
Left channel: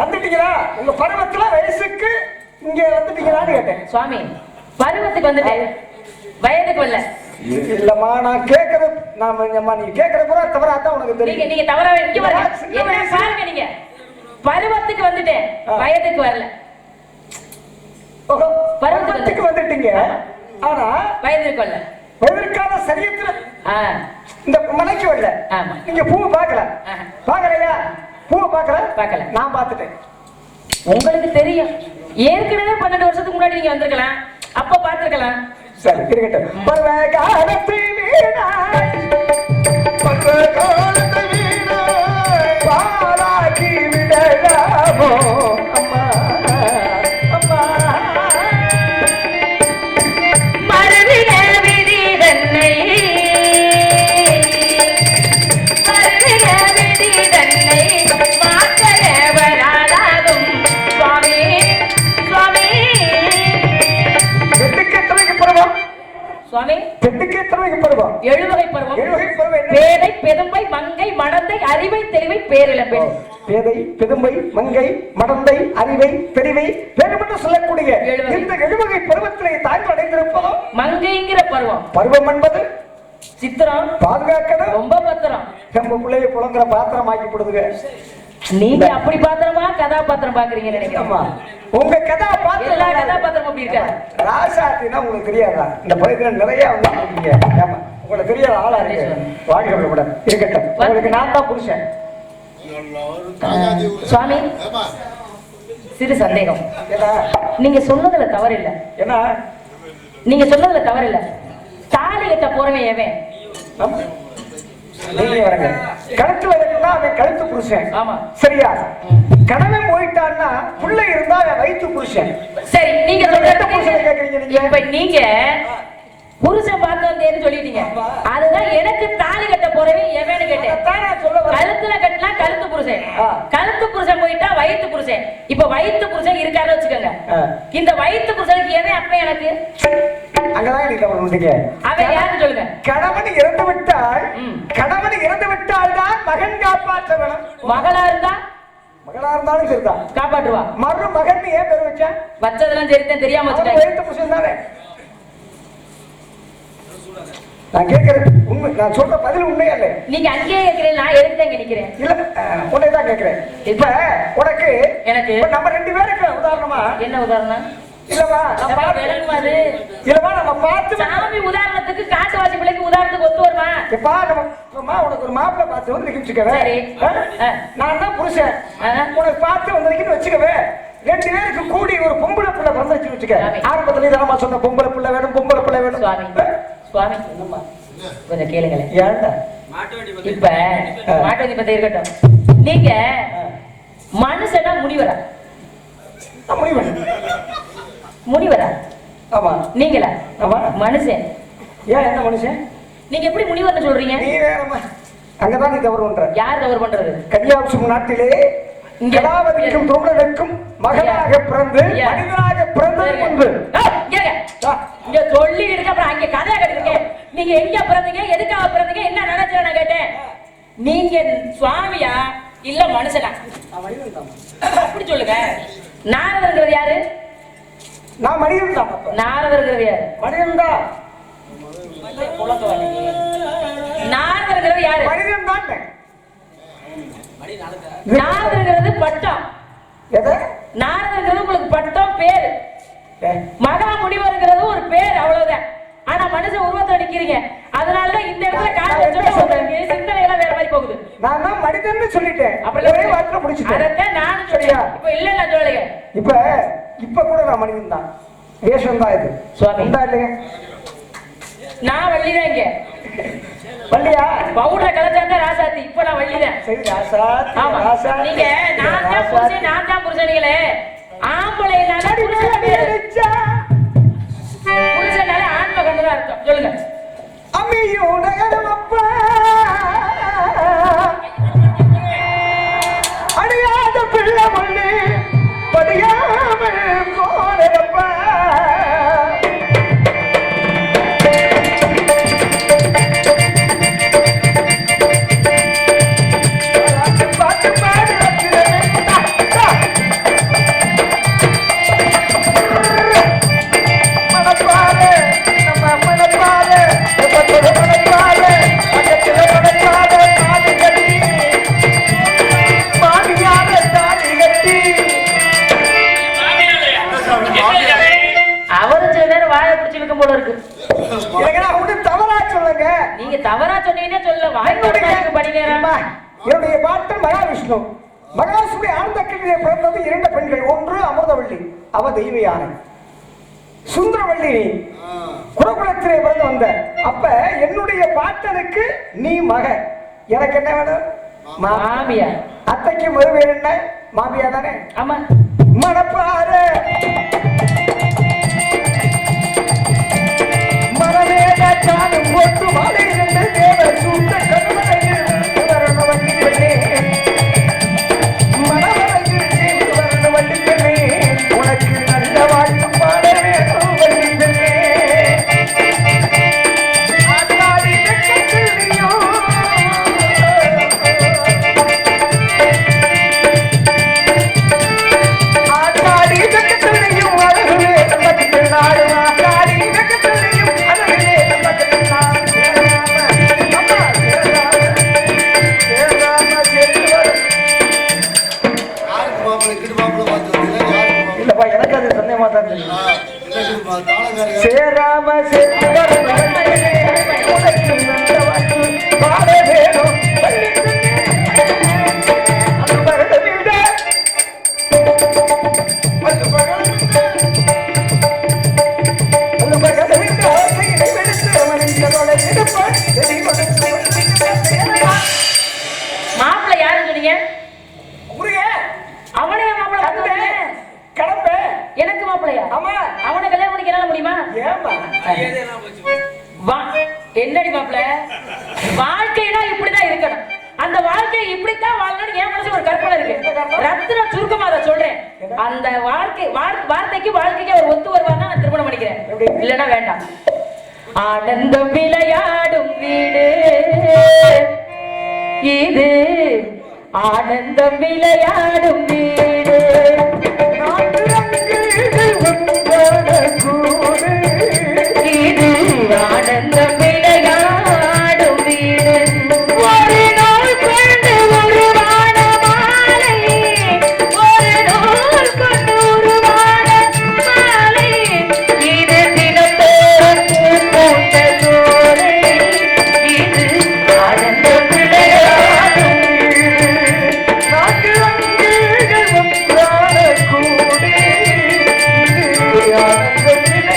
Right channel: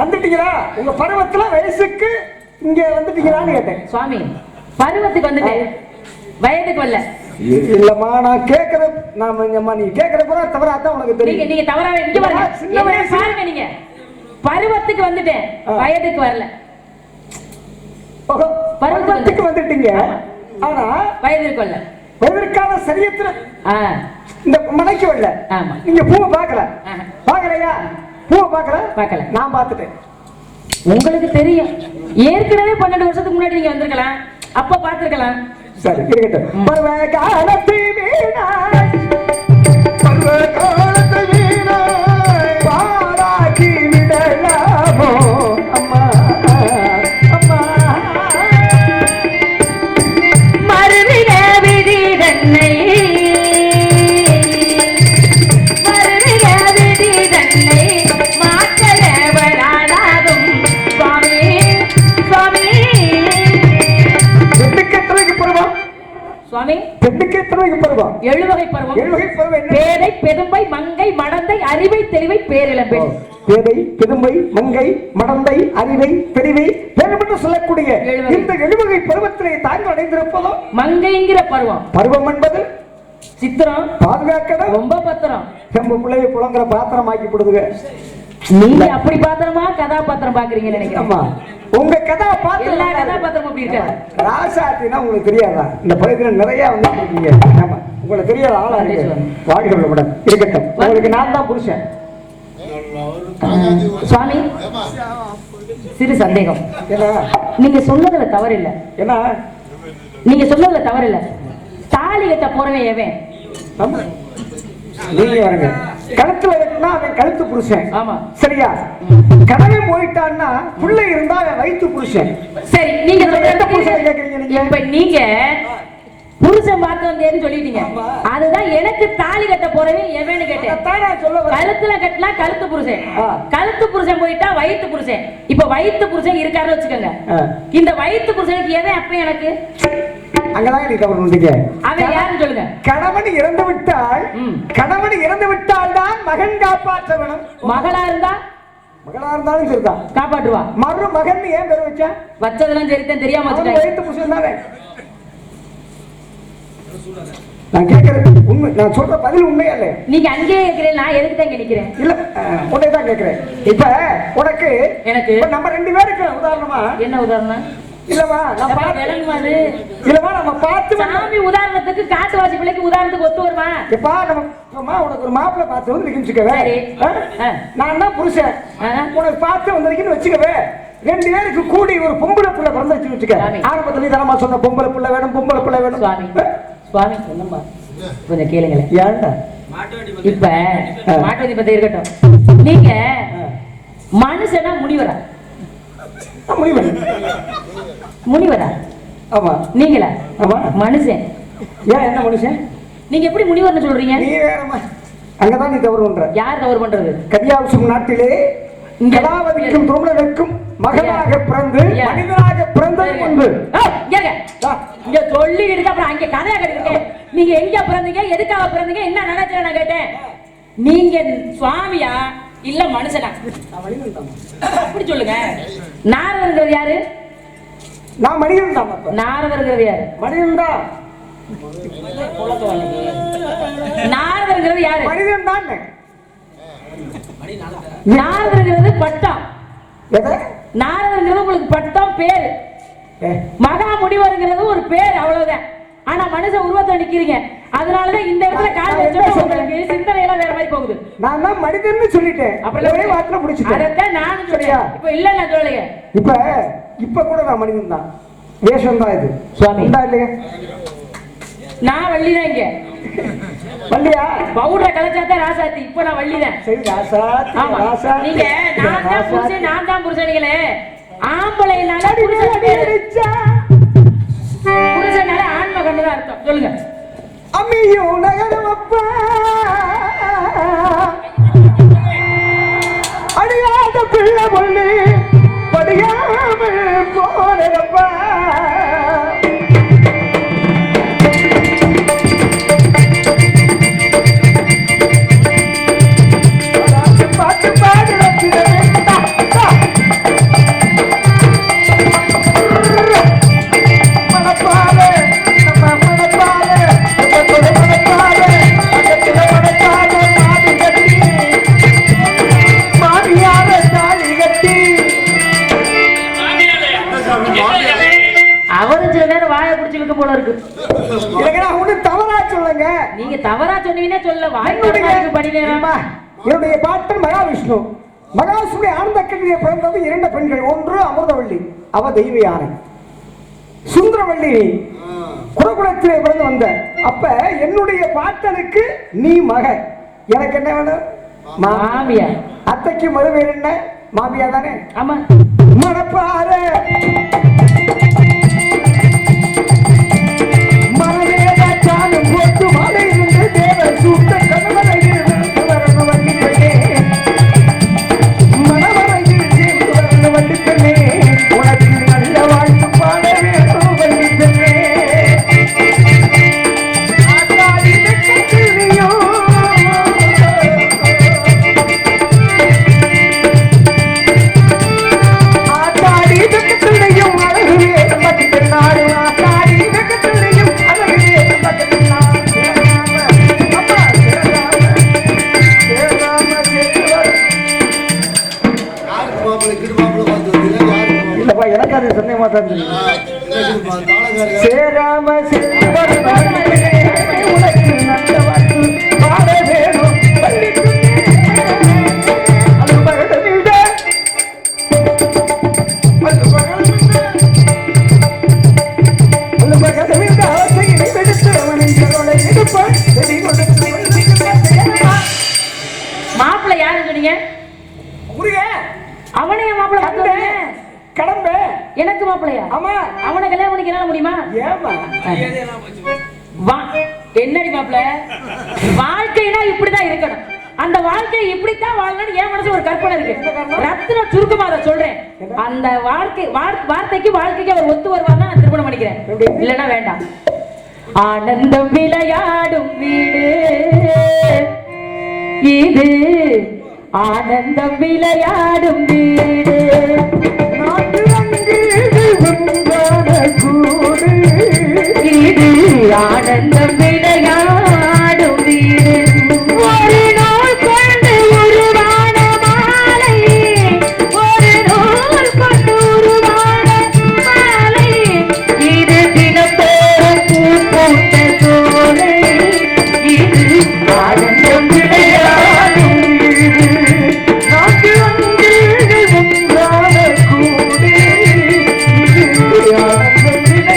வந்துட்டீங்களா? உங்க பருவத்துல வயசுக்கு இங்க வந்துட்டீங்களான்னு கேட்டேன். சுவாமி, பருவத்துக்கு வந்துட்டேன், வயதுக்கு வரல. இல்லம்மா, நான் கேட்கறது நீ கேட்கற பூரா தவறாதான் உனக்கு தெரியும். நீங்க தவறாவே இங்க பாருங்க, பாருங்க, நீங்க பருவத்துக்கு வந்துட்டேன், வயதுக்கு வரல. பருவத்துக்கு வந்துட்டீங்க, ஆனா வயதுக்கு வரல. வயதிற்கான சரியத்துல இந்த மலைக்கு வரல. ஆமா. நீங்க பூவை பார்க்கல. பார்க்கலையா? பூவை பார்க்கல. நான் பார்த்துட்டேன். உங்களுக்கு தெரியும், ஏற்கனவே 12 வருஷத்துக்கு முன்னாடி நீங்க வந்திருக்கலாம், அப்ப பார்த்திருக்கலாம். சரி, இருக்கட்டும். பருவ காலத்தை வீணாய், பருவ காலத்தை வீணாய் பாராட்டி விடலாமோ அம்மா, அம்மா. மறுவிட விதி தன்னை, மறுவிட விதி தன்னை மாற்றவராகும் சுவாமி, சுவாமி. சுவாமி, பெண்ணுக்கு எத்தனை பருவம்? 7 வகை பருவம். 7 வகை பருவம் என்ன? பேதை, பெதும்பை, மங்கை, மடந்தை, அறிவை, தெளிவை, பேரிளம்பெண். பேதை, பெதும்பை, மங்கை, மடந்தை, அறிவை, பெரிவை, பேரும் சொல்லக்கூடிய இந்த 7 வகை பருவத்திலே தாங்கள் அடைந்திருப்பதோ மங்கைங்கிற பருவம். பருவம் என்பது சித்திரம், பாதுகாக்கணும், ரொம்ப பத்திரம். நம்ம பிள்ளைய புலங்கிற பாத்திரம் ஆக்கி போடுதுங்க. நீங்க அப்படி பாத்திரமா கதாபாத்திரம் பாக்குறீங்க நினைக்கிறேன். ஆமா, உங்க கதாபாத்திரம் எல்லா கதாபாத்திரம் அப்படி இருக்காது. ராசாத்தினா உங்களுக்கு தெரியாதா? இந்த பகுதியில நிறைய வந்து இருக்கீங்க. ஆமா, உங்களுக்கு தெரியாத ஆளா இருக்கு. வாழ்க்கை கூட இருக்கட்டும், உங்களுக்கு நான் தான் புருஷன். சுவாமி, சிறு சந்தேகம். நீங்க சொன்னதுல தவறு இல்ல. என்ன? நீங்க சொன்னதுல தவறு இல்ல. தாலி கட்ட போறவன் எவன்? நீங்க வரங்க. கழுத்துல இருக்குன்னா அவன் கழுத்து புருஷன். ஆமா, சரியா? கணவன் போயிட்டான்னா பிள்ளை இருந்தா அவன் வயிற்று புருஷன். சரி, நீங்க சொல்றது புருஷன் கேக்குறீங்க. நீங்க இப்ப நீங்க புருஷன் பார்த்து வந்தேன்னு சொல்லிட்டீங்க. அதுதான் எனக்கு தாலி கட்ட போறவன் எவன்னு கேட்டேன். கழுத்துல கட்டினா கழுத்து புருஷன், கழுத்து புருஷன் போயிட்டா வயிற்று புருஷன். இப்ப வயிற்று புருஷன் இருக்காருன்னு வச்சுக்கோங்க. இந்த வயிற்று புருஷனுக்கு எவன் அப்ப எனக்கு? அங்கதான் நீ தவறு பண்ணீங்க. அவன் யாருன்னு சொல்லுங்க. கணவன் இறந்து விட்டால், கணவன் இறந்து விட்டால் தான் மகன் காப்பாற்ற வேணும். மகளா இருந்தா, மகளா இருந்தாலும் சரிதான் காப்பாற்றுவா. மகன் ஏன் பேர் வச்சா? வச்சதெல்லாம் சரிதான், தெரியாம வச்சுட்டேன். வயிற்று புருஷன் தானே. நான் கேட்கிறேன் உண்மை, நான் சொல்ற பதில் உண்மையா இல்ல? நீங்க அங்கேயே கேட்கிறேன், நான் எதுக்கு தான் நிக்கிறேன்? இல்ல, உன்னை தான் கேட்கிறேன். இப்ப உனக்கு எனக்கு நம்ம 2 பேருக்கு உதாரணமா என்ன உதாரணம்? இல்லவா நம்ம பார்த்து சாமி உதாரணத்துக்கு காட்டுவாசி பிள்ளைக்கு உதாரணத்துக்கு ஒத்து வருமா? எப்பா நம்ம உனக்கு ஒரு மாப்பிள்ளை பார்த்து வந்து வச்சுக்கவே, நான் தான் புருஷன், உனக்கு பார்த்து வந்திருக்கேன்னு வச்சுக்கவே, 2 பேருக்கு கூடி ஒரு பொம்பளை பிள்ளை பிறந்து வச்சுக்க. ஆரம்பத்துல தரமா சொன்ன பொம்பளை பிள்ளை வேணும், பொம்பளை பிள்ளை வேணும். சுவாமி, சுவாமி என்னம்மா கொஞ்சம் கேளுங்களேன். ஏன்டா இப்ப மாட்டுவதி பத்தி இருக்கட்டும். நீங்க மனுஷனா முனிவரா? முனிவரா? ஆமா. நீங்களா? ஆமா. மனுஷன். ஏன் என்ன மனுஷன்? நீங்க எப்படி முனிவர்னு சொல்றீங்க? நீ வேறமா, அங்கதான் நீ தவறு பண்ற. யார் தவறு பண்றது? கன்னியாகுமரி நாட்டிலே கலாவதிக்கும் தோழனுக்கும் மகனாக பிறந்து மனிதனாக பிறந்தது என்று இங்க சொல்லி இருக்கு. அப்புறம் அங்க கதையா கேட்டுருக்கேன். நீங்க எங்க பிறந்தீங்க, எதுக்காக பிறந்தீங்க, என்ன நினைச்சேன் நான் கேட்டேன். நீங்க சுவாமியா இல்ல மனுஷனா? அப்படி சொல்லுங்க. நாரதர்ங்கிறது யாரு? நான் மனிதன் தான். நாரதர்ங்கிறது யாரு? மனிதன் தான். நாரதர்ங்கிறது யாரு? மனிதன் தான். நாரதர்ங்கிறது பட்டம். எதை? நாரதங்கிறது உங்களுக்கு பட்டம் பேரு, ஏ, மகா முனிவருங்கிறது ஒரு பேர், அவ்வளவுதான். ஆனா மனுஷன் உருவத்தை நிக்கிறீங்க, அதனாலதான் இந்த இடத்துல கால் வச்சா உங்களுக்கு சிந்தனை எல்லாம் வேற மாதிரி போகுது. நான் தான் மனிதன்னு சொல்லிட்டேன், அப்புறம் ஒரே வார்த்தை முடிச்சிட்டேன். அதான் நானும் சொல்லியா, இப்ப இல்ல நான் சொல்லலையே. இப்ப கூட நான் மனிதன் தான், வேஷம் தான் இது. சுவாமி இல்லையா? நான் வள்ளிதான். இங்க வள்ளியா? பவுடரை கலச்சாதான் ராசாத்தி. இப்ப நான் வள்ளிதான். சரி ராசாத்தி. ஆமா, நீங்க நான் தான் புருஷன், நான் தான் புருஷனிகளே. ஆம்பளை புருஷனால ஆன்ம கண்ணுதான் அர்த்தம். சொல்லுங்க. அம்மியோ நகரமப்பா அடியாத பிள்ளை பொண்ணு படியாமல் போனப்பா. நீங்க தவறா சொன்னீங்கன்னே சொல்ல என்னுடைய பாட்டன் மகாவிஷ்ணு. மகாவிஷ்ணுடைய ஆனந்த கல்வியை பிறந்தது 2 பெண்கள். ஒன்று அமிர்தவள்ளி, அவ தெய்வ யானை. சுந்தரவள்ளி குலகுலத்திலே பிறந்து வந்த. அப்ப என்னுடைய பாட்டனுக்கு நீ மக, எனக்கு என்ன வேணும்? மாமியா. அத்தைக்கு மறுபேர் என்ன? மாமியா தானே? ஆமா. மணப்பாறை மனவேன ஜானும் ஒட்டு மலை இருந்து தேவர் சூட்ட கணவனையில் வரணும் வண்டி பெண்ணே, மணவனையில் சேர்ந்து வரணும் வண்டி பெண்ணே, உனக்கு நல்ல வாழ்த்து பாட வேணும் வண்டி பெண்ணே. ஆத்தாடி வெக்கத்திலையோ ஆத்தாடி வெக்கத்திலையும் அழகுவே நமக்கு பெண்ணாடு. ஆத்தாடி வெக்கத்திலையும் அழகுவே நமக்கு பெண்ணாடு. அப்பா இல்லப்பா, எனக்கு அது சந்தேகமா தான் தெரியும். சேராம சேர்ந்தவர் உனக்கு நல்ல வாழ்த்து பாட வேணும் வண்டி பெண்ணே. அந்த பகத்தை விட மாப்பிள்ளை யாருன்னு சொன்னீங்க? அவனே மாப்பிள்ளை கடம்ப எனக்கு மாப்பிள்ளையா? ஆமா. அவனை கல்யாணம் பண்ணிக்க என்னால முடியுமா? ஏமா என்னடி மாப்பிள்ள, வாழ்க்கைனா இப்படிதான் இருக்கணும், அந்த வாழ்க்கையை இப்படித்தான் வாழணும்னு என் மனசு ஒரு கற்பனை இருக்கு. ரத்தின சுருக்கமா அதை சொல்றேன். அந்த வார்த்தைக்கு அவர் ஒத்து வருவாங்க, நான் திருமணம் பண்ணிக்கிறேன், இல்லைன்னா வேண்டாம். ஆனந்தம் விளையாடும் வீடு இது, ஆனந்தம் விளையாடும் வீடு, இது ஆனந்தம் விளையாடும் வீடு. ஒரு நாள் கொண்டு உருவான மாலை, ஒரு நாள் கொண்டு உருவான மாலை, இது தினத்தோறும் பூத்த சோலை, இது ஆனந்தம் விளையாடும் வீடு. நாட்டு அங்கீகள் ஒன்றான கூடு, இது ஆனந்தம் விளையாடும் வீடு.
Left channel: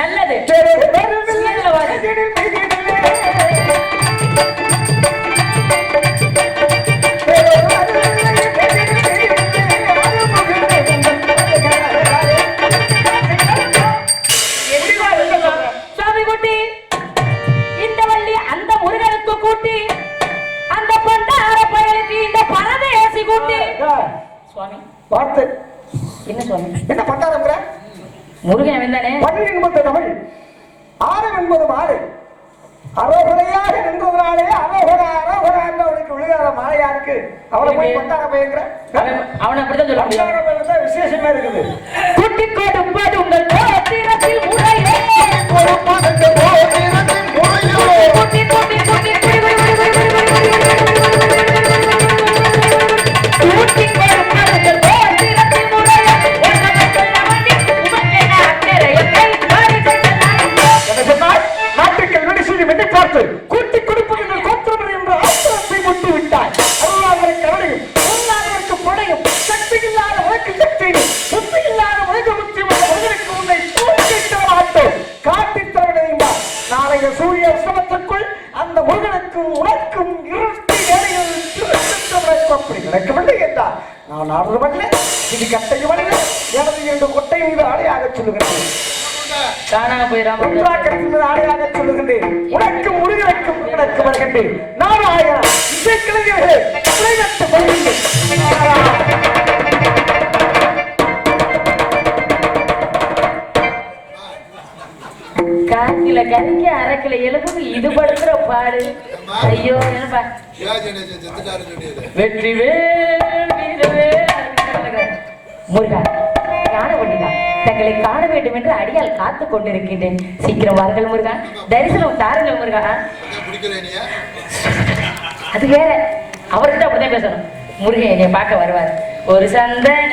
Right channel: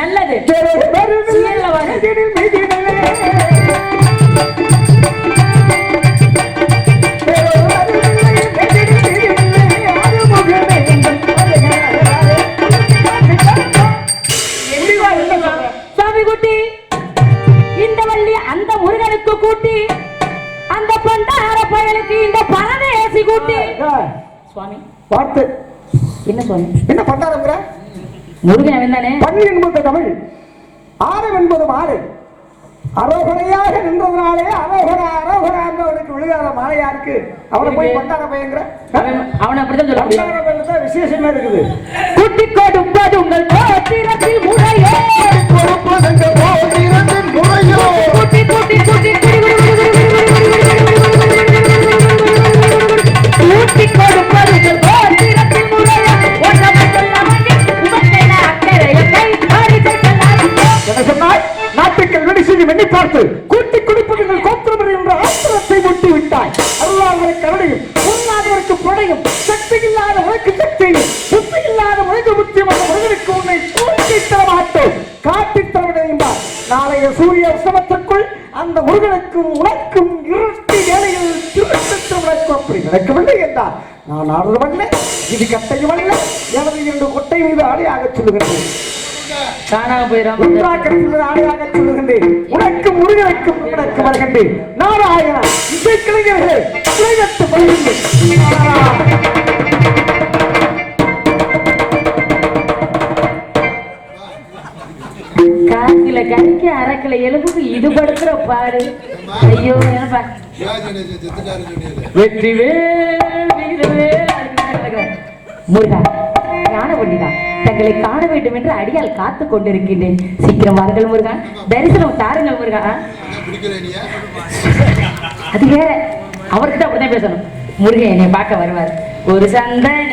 நல்லது. சீரியல்ல வாரு. சாமி குட்டி இந்த வள்ளி அந்த முருகனுக்கு கூட்டி அந்த பண்டார பயலுக்கு இந்த பரதேசி கூட்டி. சுவாமி பார்த்து என்ன சுவாமி என்ன பண்டாரங்கிற? முருகன் அவன் தானே. பள்ளி என்பது தமிழ், ஆரம் என்பது மாலை. அரோகரையாக நின்றதுனாலே அரோகரா அரோகரா என்றவனுக்கு விழுகாத மாலையா இருக்கு. அவனை போய் பண்டார பயங்கிற? அவனை அப்படித்தான் சொல்ல முடியும். பண்டார பயல தான் விசேஷமா இருக்குது. குட்டி கொடுப்பது உங்கள் கோத்திரத்தில் முறையே, கொடுப்பது உங்கள் கோத்திரத்தில் முறையே. குட்டி குட்டி குட்டி குட்டி குட்டி கொடுப்பது உங்கள் கோத்திரத்தில் முறையே. என்ன சொன்னாய்? நாட்டுக்கள் வெடி செய்யும் எண்ணி பார்த்து கூட்டி கொடுப்பது கோத்திரம் என்ற ஆத்திரத்தை முட்டி விட்டாய். அருளாதவரை கருணையும் பொருளாதவருக்கு புடையும் சக்தி இல்லாத உனக்கு சக்தியும் புத்தி இல்லாத உனக்கு புத்தியமான முருகனுக்கு உன்னை கூட்டி தர மாட்டோம், காட்டித் தர விடையும்பார். நாளைய சூரிய உற்சவத்திற்குள் அந்த முருகனுக்கும் உனக்கும் இரட்டி வேலையில் திருவிழாக்கு அப்படி நடக்கவில்லை என்றார். நான் ஆடுவல்ல, இது கட்டையும் அல்ல, எனது இரண்டு கொட்டை மீது ஆடையாக சொல்லுகிறேன். காணாம போயிடாம ஆடையாக சொல்லுகின்றேன். உனக்கும் முருகனுக்கும் உனக்கு வருகின்றேன். நாராயணா இசைக்கலைஞர்களே விளைவெட்டு பயிர்கள். காக்கில கறிக்கு அரைக்கில எலும்புக்கு இது படுத்துற பாடு. ஐயோ என்னப்பா வெற்றி முருகா ஞான பண்ணிடா, தங்களை காண வேண்டும் என்று அடியால் காத்து கொண்டிருக்கின்றேன். சீக்கிரம் வாருங்கள் முருகா, தரிசனம் தாருங்கள் முருகா. அது வேற, அவர்கிட்ட அப்படிதான் பேசணும். முருகன் என்னை பார்க்க வருவார். ஒரு சந்தன